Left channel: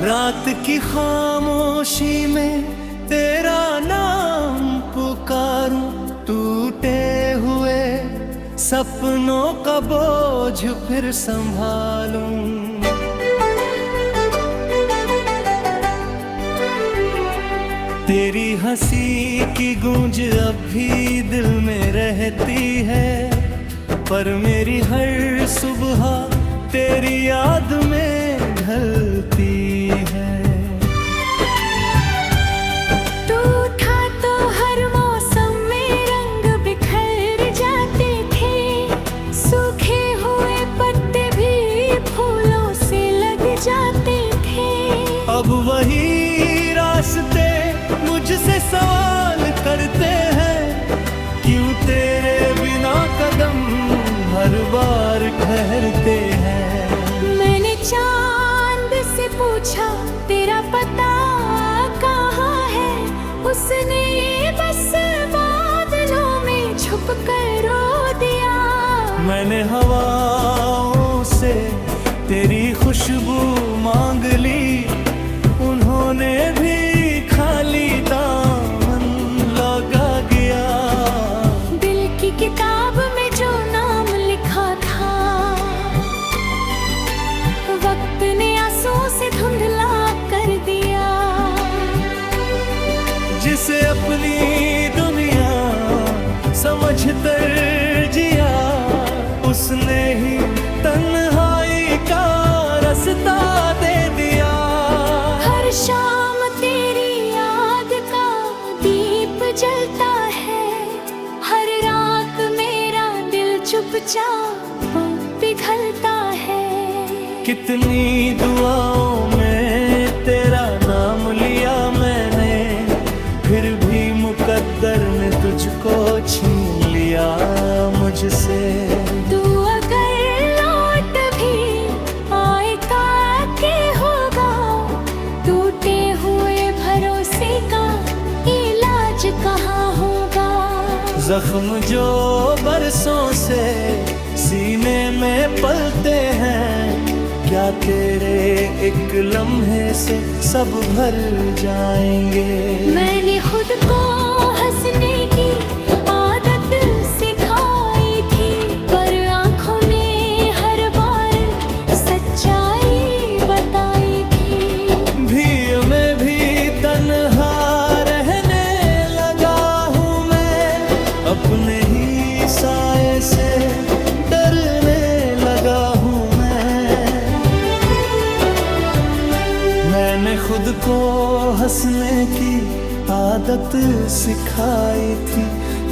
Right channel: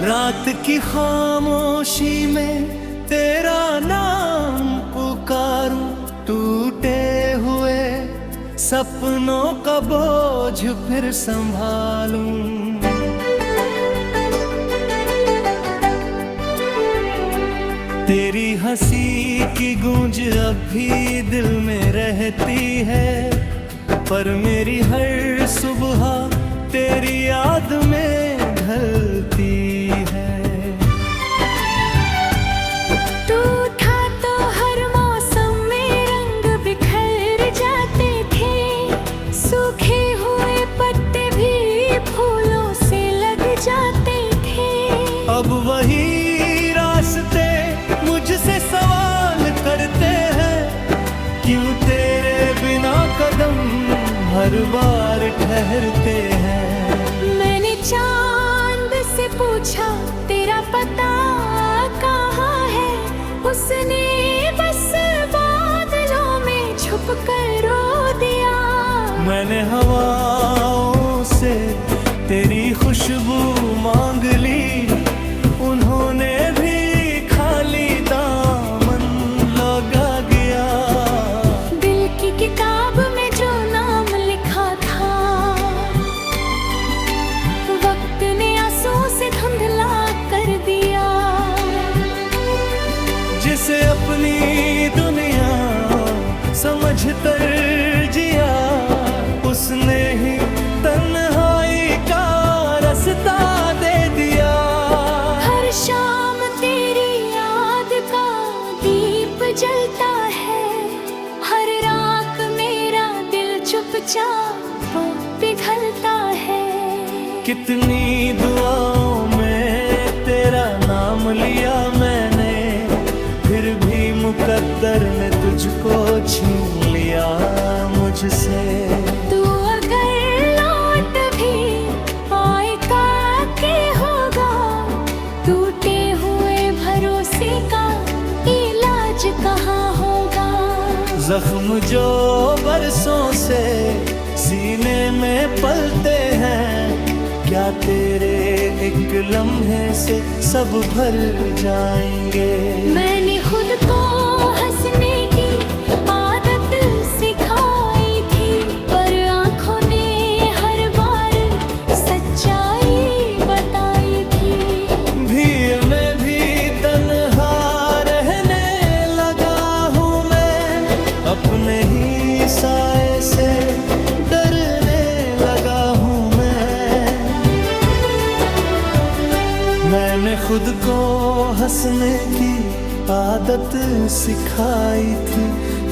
रात की खामोशी में तेरा नाम पुकारूं, टूटे हुए सपनों का बोझ फिर संभालूं। तेरी हंसी की गूंज अब भी दिल में रहती है, पर मेरी हर सुबह तेरी याद में ढलती है। तू था तो हर मौसम में रंग बिखर जाते थे, सूखे हुए पत्ते भी फूलों से लग जाते थे। अब वही रास्ते मुझसे सवाल करते हैं, क्यों तेरे बिना कदम हर बार ठहरते हैं। मैंने चांद से पूछा तेरा पता कहाँ है, उसने बस बादलों में छुप कर रो दिया। मैंने हवाओं से तेरी खुशबू मांग ली, उन्होंने भी खाली दामन लगा गया। दिल की किताब में जो नाम लिखा था, वक्त ने आंसू से धुंधला कर दिया। जिसे अपनी दुनिया समझ कर जिया, उसने ही तन्हाई का रास्ता दे दिया। हर शाम तेरी याद का दीप जलता है, हर रात मेरा दिल चुपचाप पिघलता है। कितनी दुआओं में तेरा नाम लिया मैंने, फिर भी मुकद्दर ने तुझको छीन लिया मुझसे। तू अगर लौट भी आएगा के होगा, टूटे हुए भरोसे का इलाज कहाँ होगा। जख्म जो बरसों से सीने में पलते हैं, क्या तेरे एक लम्हे से सब भर जाएंगे। मैंने खुद को हंसने की आदत सिखाई थी, पर आंखों ने हर बार सच्चाई बताई थी। भीड़ में भी तन्हा रहने लगा हूँ मैं, अपने ही साए से डरने लगा हूँ मैंने खुद को हंसने की आदत सिखाई थी,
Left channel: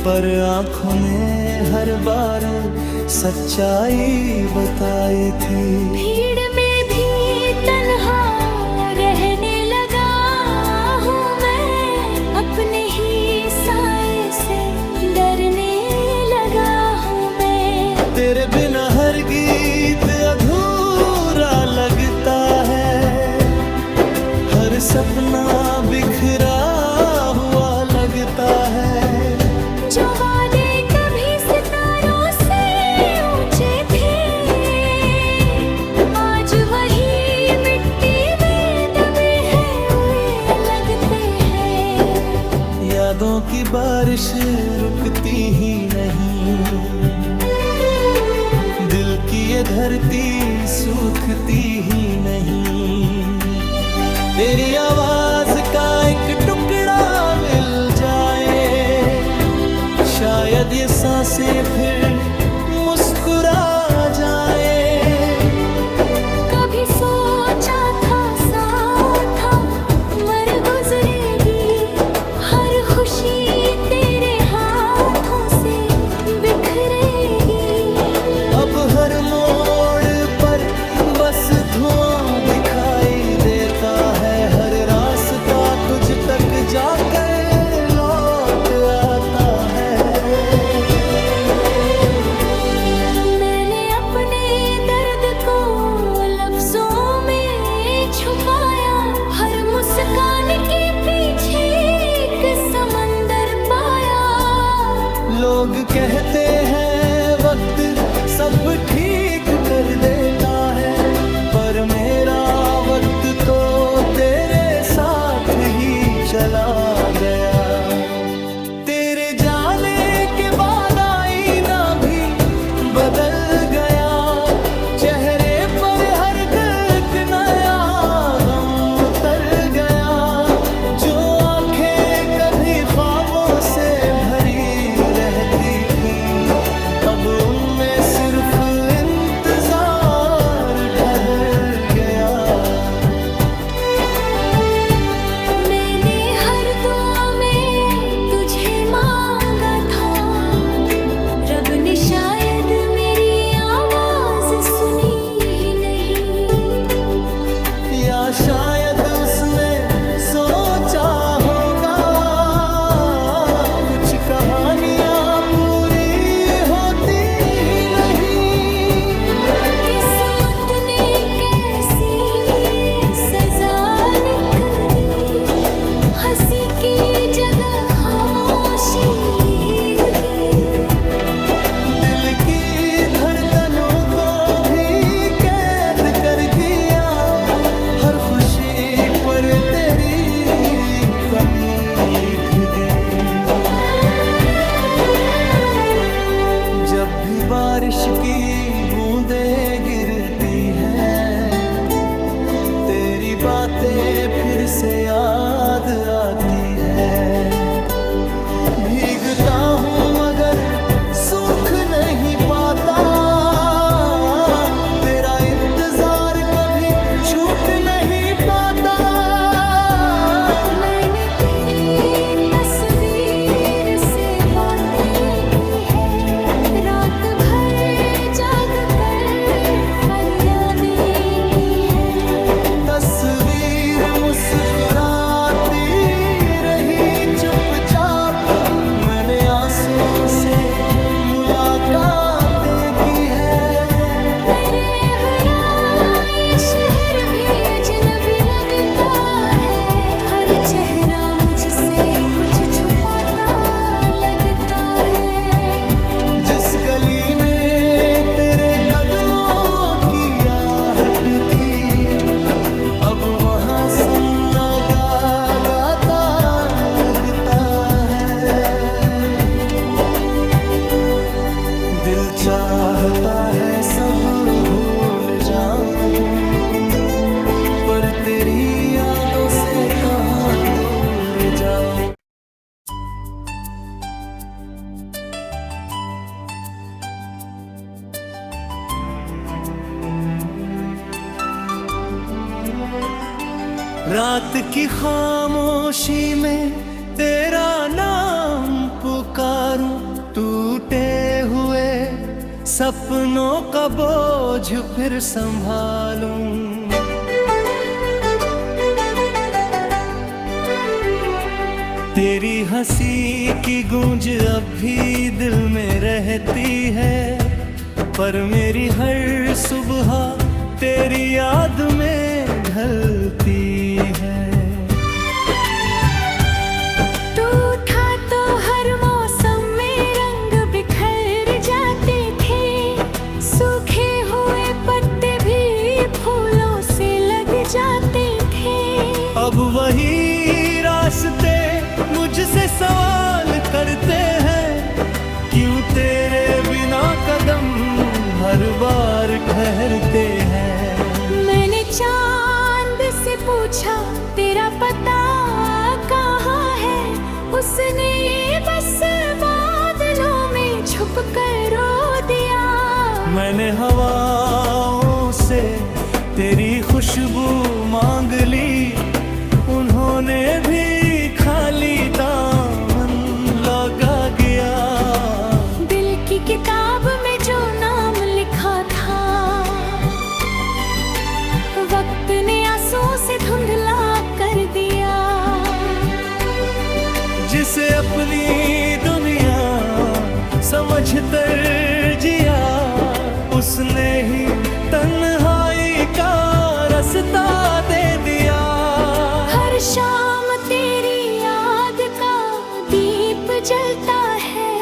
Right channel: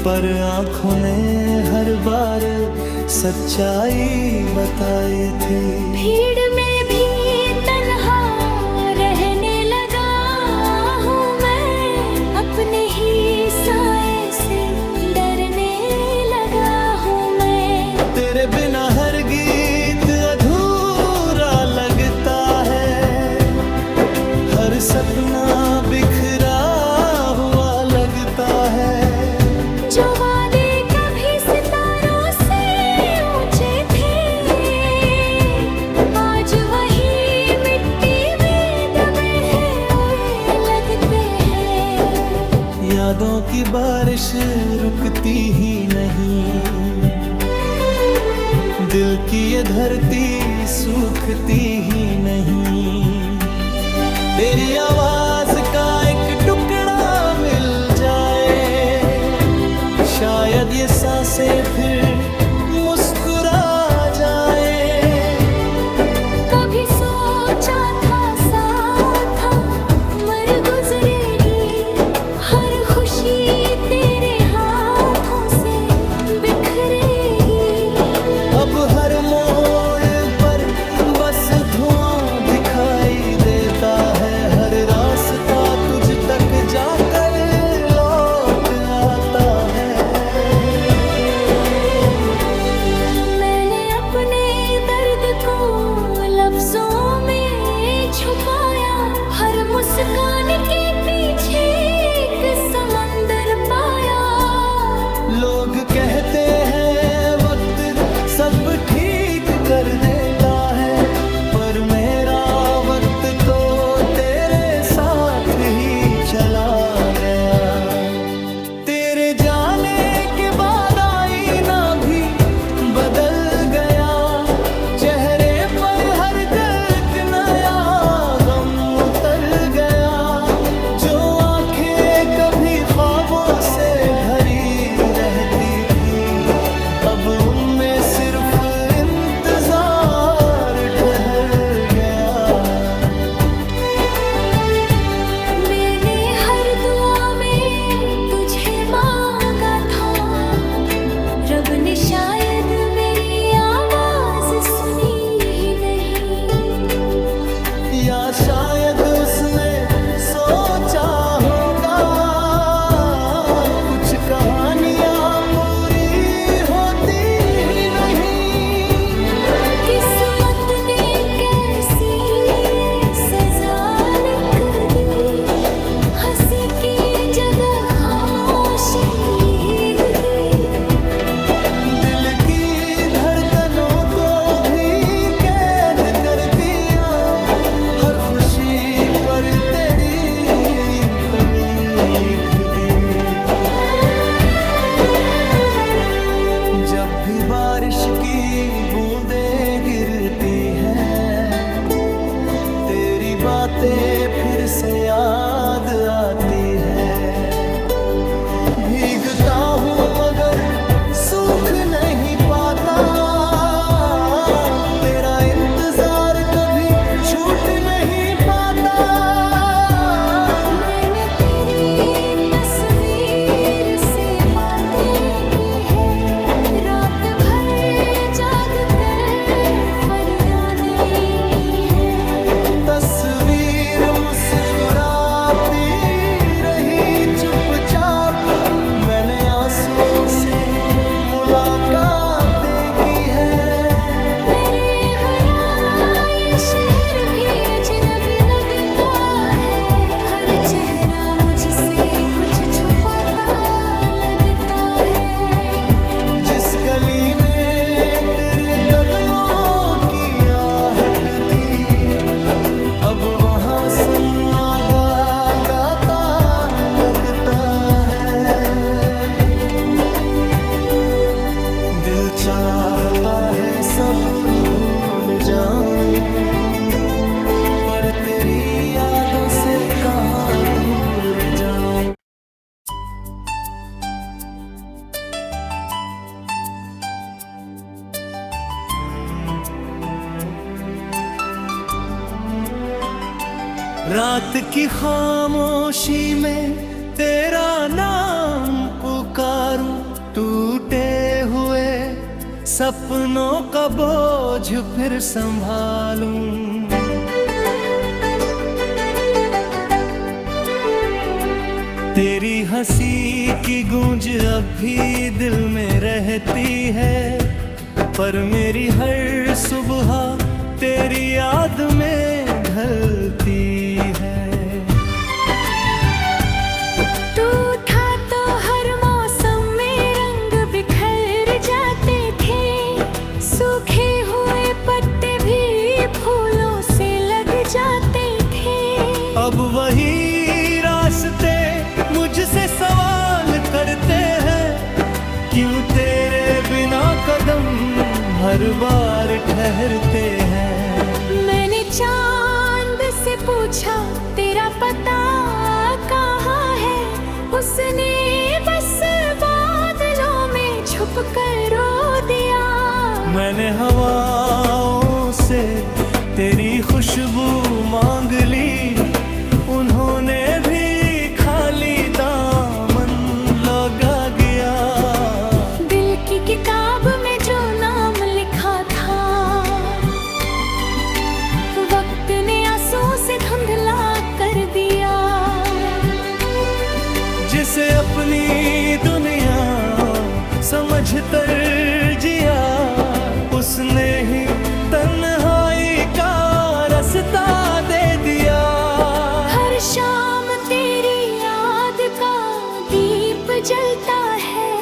पर आंखों ने हर बार सच्चाई बताई थी। भीड़ में भी तन्हा रहने लगा हूँ मैं, अपने ही साए से डरने लगा हूँ मैं। तेरे बिना हर गीत अधूरा लगता है, हर सपना बिखरा हुआ लगता है। जो वादे कभी सितारों से ऊंचे थे, आज वही मिट्टी में दबे हुए लगते हैं। यादों की बारिश रुकती ही नहीं, दिल की ये धरती सूखती ही नहीं। तेरी आवाज का एक टुकड़ा मिल जाए, शायद ये सांसें फिर मुस्कुरा जाए। कभी सोचा था साथ मर गुजरेगी, हर खुशी तेरे हाथों से बिखरेगी। अब हर मोड़ पर बस धुआं दिखाई देता है, हर रास्ता तुझ तक जाकर लौट आता है। मैंने अपने दर्द को लफ्जों में छुपाया, हर मुस्कान के पीछे एक समंदर पाया। लोग कहते हैं वक्त सब ठीक कर देता है, पर पर मेरा वक्त तो तेरे साथ ही चला गया। तेरे जाने के बाद आईना भी बदल गया, चेहरे पर हर एक नया गम उतर गया। जो आंखें कभी ख्वाबों से भरी रहती थीं, अब उनमें सिर्फ इंतजार ठहर गया। मैंने हर दुआ में तुझे मांगा था, रब ने शायद मेरी आवाज सुनी ही नहीं। या शायद उसने सोचा होगा कुछ कहानियां पूरी होती ही नहीं। किस्मत ने कैसी सजा लिख दी, हंसी की जगह खामोशी लिख दी। दिल की धड़कनों को भी कैद कर दिया, हर खुशी पर तेरी कमी लिख दी। जब भी बारिश की बूंदें गिरती हैं, तेरी बातें फिर से याद आती है। भीगता हूँ मगर सूख नहीं पाता, तेरा इंतजार कभी छूट नहीं पाता। मैंने तेरी तस्वीर से बातें की है, रात भर जाग कर फरियादें की है। तस्वीर मुस्कुराती रही चुपचाप, मैंने आंसुओं से मुलाकातें की है। मेरे वरा ये शहर भी अजनबी लगता है, हर चेहरा मुझसे कुछ छुपाता लगता है। जिस गली में तेरे कदमों की आहट थी, अब वहाँ सन्नाटा गाता लगता है। दिल चाहता है सब भूल जाऊं, पर तेरी यादों से कहाँ दूर जाऊं। रात की खामोशी में तेरा नाम पुकारूं, टूटे हुए सपनों का बोझ फिर संभालूं। तेरी हंसी की गूंज अब भी दिल में रहती है, पर मेरी हर सुबह तेरी याद में ढलती है। टूटा तो हर मौसम में रंग बिखर जाते थे, सूखे हुए पत्ते भी फूलों से लग जाते थे। अब वही रास्ते मुझसे सवाल करते हैं, क्यों तेरे बिना कदम हर बार ठहरते हैं। मैंने चांद से पूछा तेरा पता कहाँ है, उसने बस बादलों में छुप कर रो दिया। मैंने हवाओं से तेरी खुशबू मांग ली, उन्होंने भी खाली दामन लगा गया। दिल की किताब में जो नाम लिखा था, वक्त ने आंसू से धुंधला कर दिया। जिसे अपनी दुनिया समझ कर जिया, उसने ही तन्हाई का रास्ता दे दिया। हर शाम तेरी याद का दीप जलता है,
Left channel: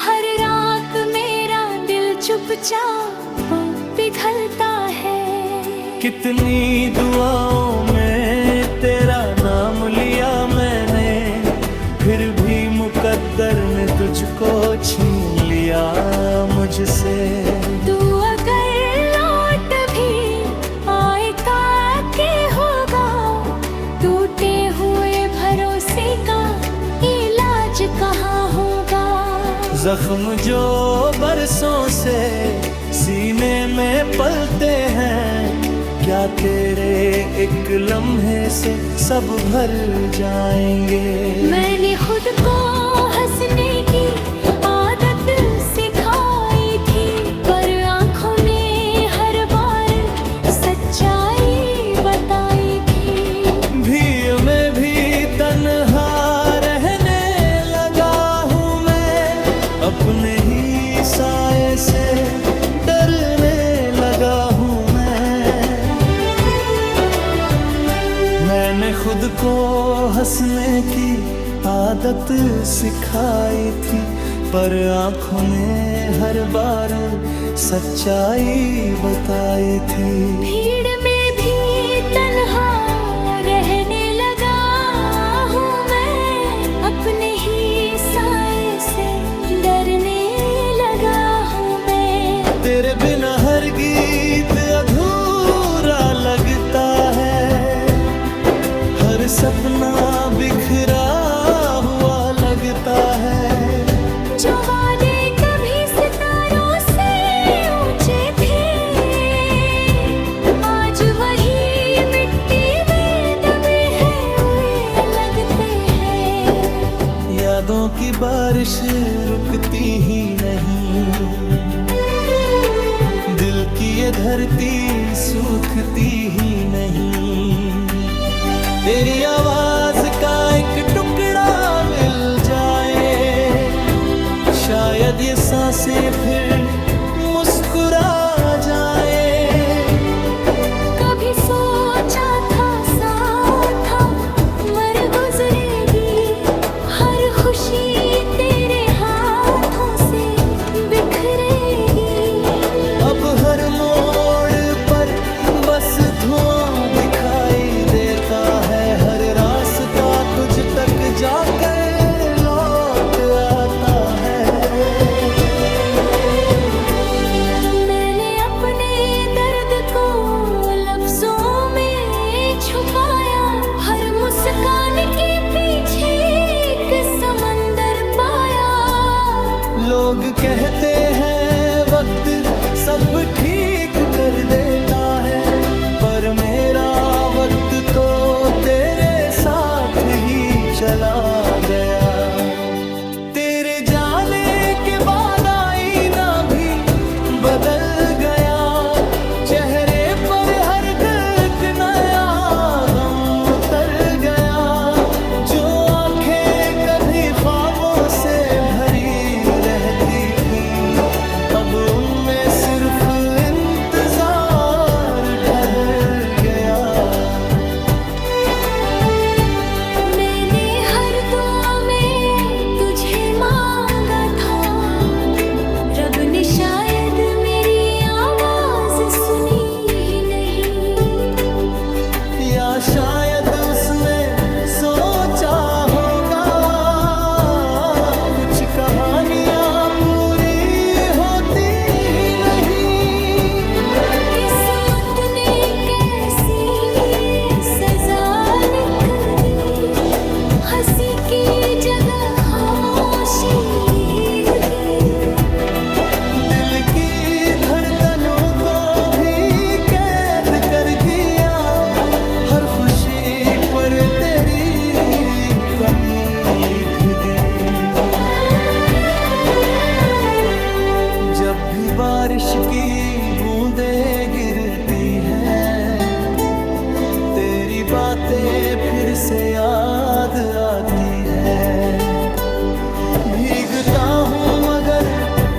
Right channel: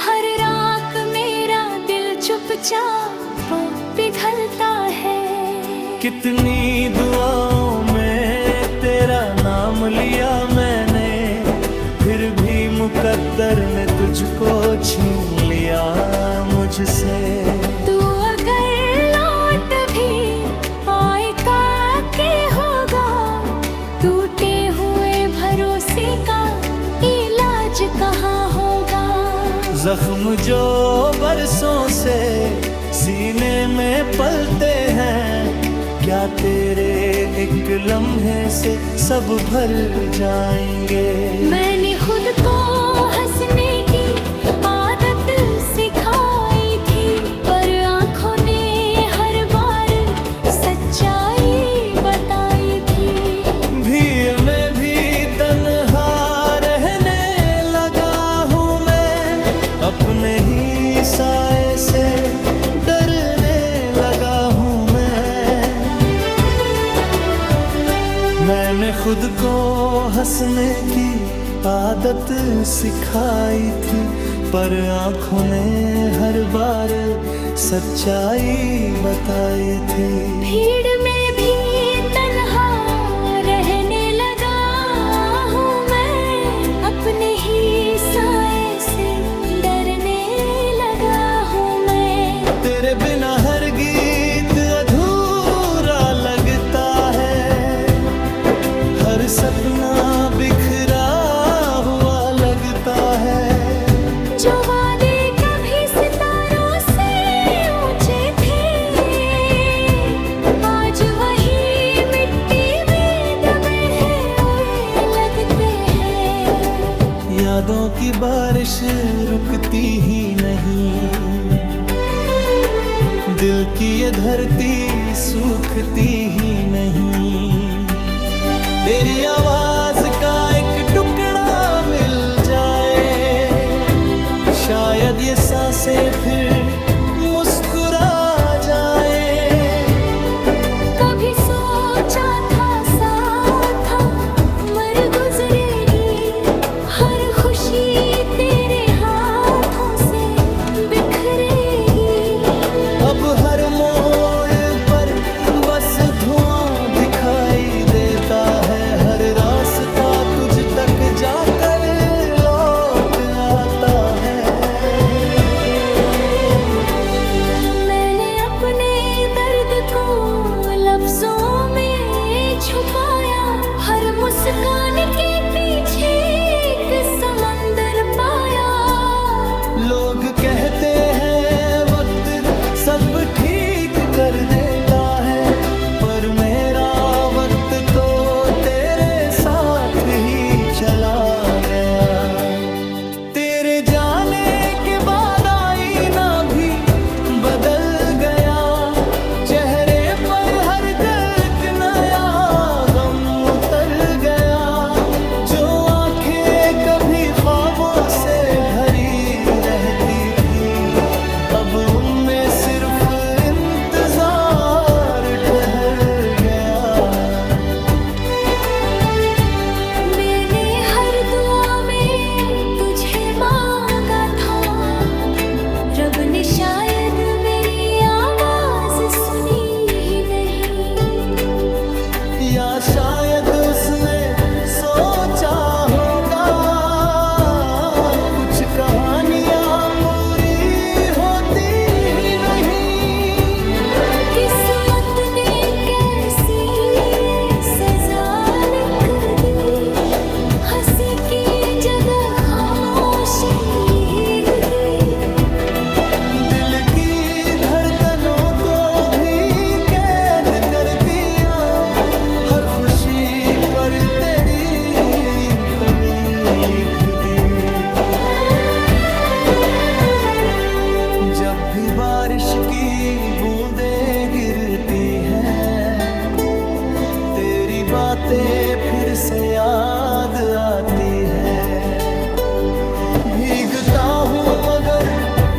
हर रात मेरा दिल चुपचाप पिघलता है। कितनी दुआओं में तेरा नाम लिया मैंने, फिर भी मुकद्दर ने तुझको छीन लिया मुझसे। तू अगर लौट भी आएगा के होगा, टूटे हुए भरोसे का इलाज कहाँ होगा। जख्म जो बरसों से सीने में पलते हैं, क्या तेरे एक लम्हे से सब भर जाएंगे। मैंने खुद को हंसने की आदत सिखाई थी, पर आँखों ने हर बार सच्चाई बताई थी। भीड़ में भी तन्हा रहने लगा हूँ मैं, अपने ही साए से डरने लगा हूँ मैंने खुद को हंसने की आदत सिखाई थी, पर आँखों ने हर बार सच्चाई बताई थी। भीड़ में भी तन्हा रहने लगा हूँ मैं, अपने ही साए से डरने लगा हूँ मैं। तेरे बिना हर गीत अधूरा लगता है, हर सपना बिखरा हुआ लगता है। जो वादे कभी सितारों से ऊंचे थे, आज वही मिट्टी में दबे हुए लगते हैं। यादों की बारिश रुकती ही नहीं, दिल की ये धरती सूखती ही नहीं। तेरी आवाज का एक टुकड़ा मिल जाए, शायद ये सांसें फिर मुस्कुरा जाए। कभी सोचा था साथ मर गुजरेगी, हर खुशी तेरे हाथों से बिखरेगी। अब हर मोड़ पर बस धुआं दिखाई देता है, हर रास्ता तुझ तक जाकर लौट आता है। मैंने अपने दर्द को लफ्जों में छुपाया, हर मुस्कान के पीछे एक समंदर पाया। लोग कहते हैं वक्त सब ठीक कर देता है, पर मेरा वक्त तो तेरे साथ ही चला गया। तेरे जाने के बाद आईना भी बदल गया, चेहरे पर हर एक नया गम उतर गया। जो आंखें कभी ख्वाबों से भरी रहती थीं, अब उनमें सिर्फ इंतजार ठहर गया। मैंने हर दुआ में तुझे मांगा था, रब ने शायद मेरी आवाज सुनी ही नहीं। या शायद उसने सोचा होगा कुछ कहानियां पूरी होती ही नहीं। किस्मत ने कैसी सजा लिख दी, हंसी की जगह खामोशी लिख दी। दिल की धड़कनों को भी कैद कर दिया, हर खुशी पर तेरी कमी लिख दी। जब भी बारिश की बूंदें गिरती हैं, तेरी बातें फिर से याद आती है। भीगता हूँ मगर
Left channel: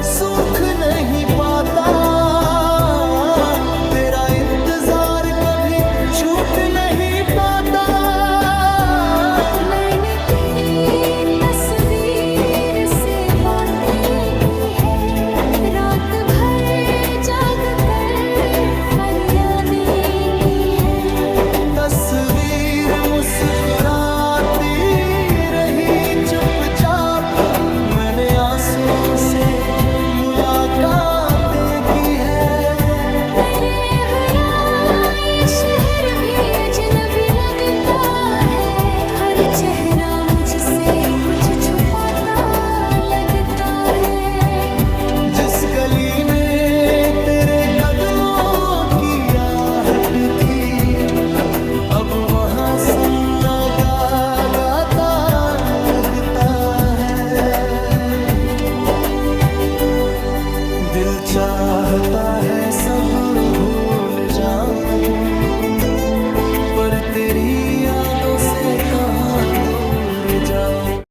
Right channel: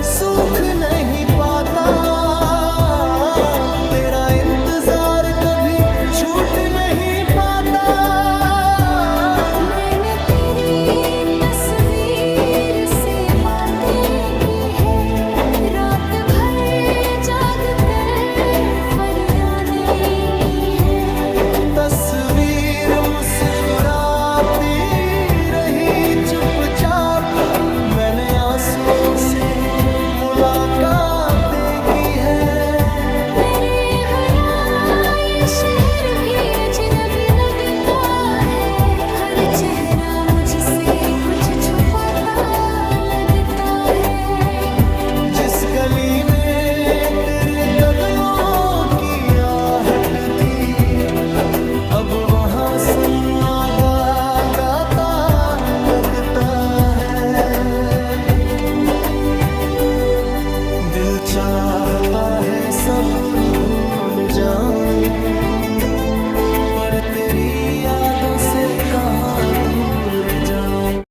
सूख नहीं पाता, तेरा इंतजार कभी छूट नहीं पाता। मैंने तेरी तस्वीर से बातें की है, रात भर जाग कर फरियादें चुपचाप मैंने आंसुओं से मुलाकातें की है। मेरे भरा ये शहर भी अजनबी लगता है, हर चेहरा मुझसे कुछ छुपाता लगता है। जिस गली में तेरे कदमों की आहट थी, अब वहाँ सन्नाटा गाता लगता है। दिल चाहता है सब भूल जाऊं, पर तेरी यादों से कहाँ दूर जाऊं।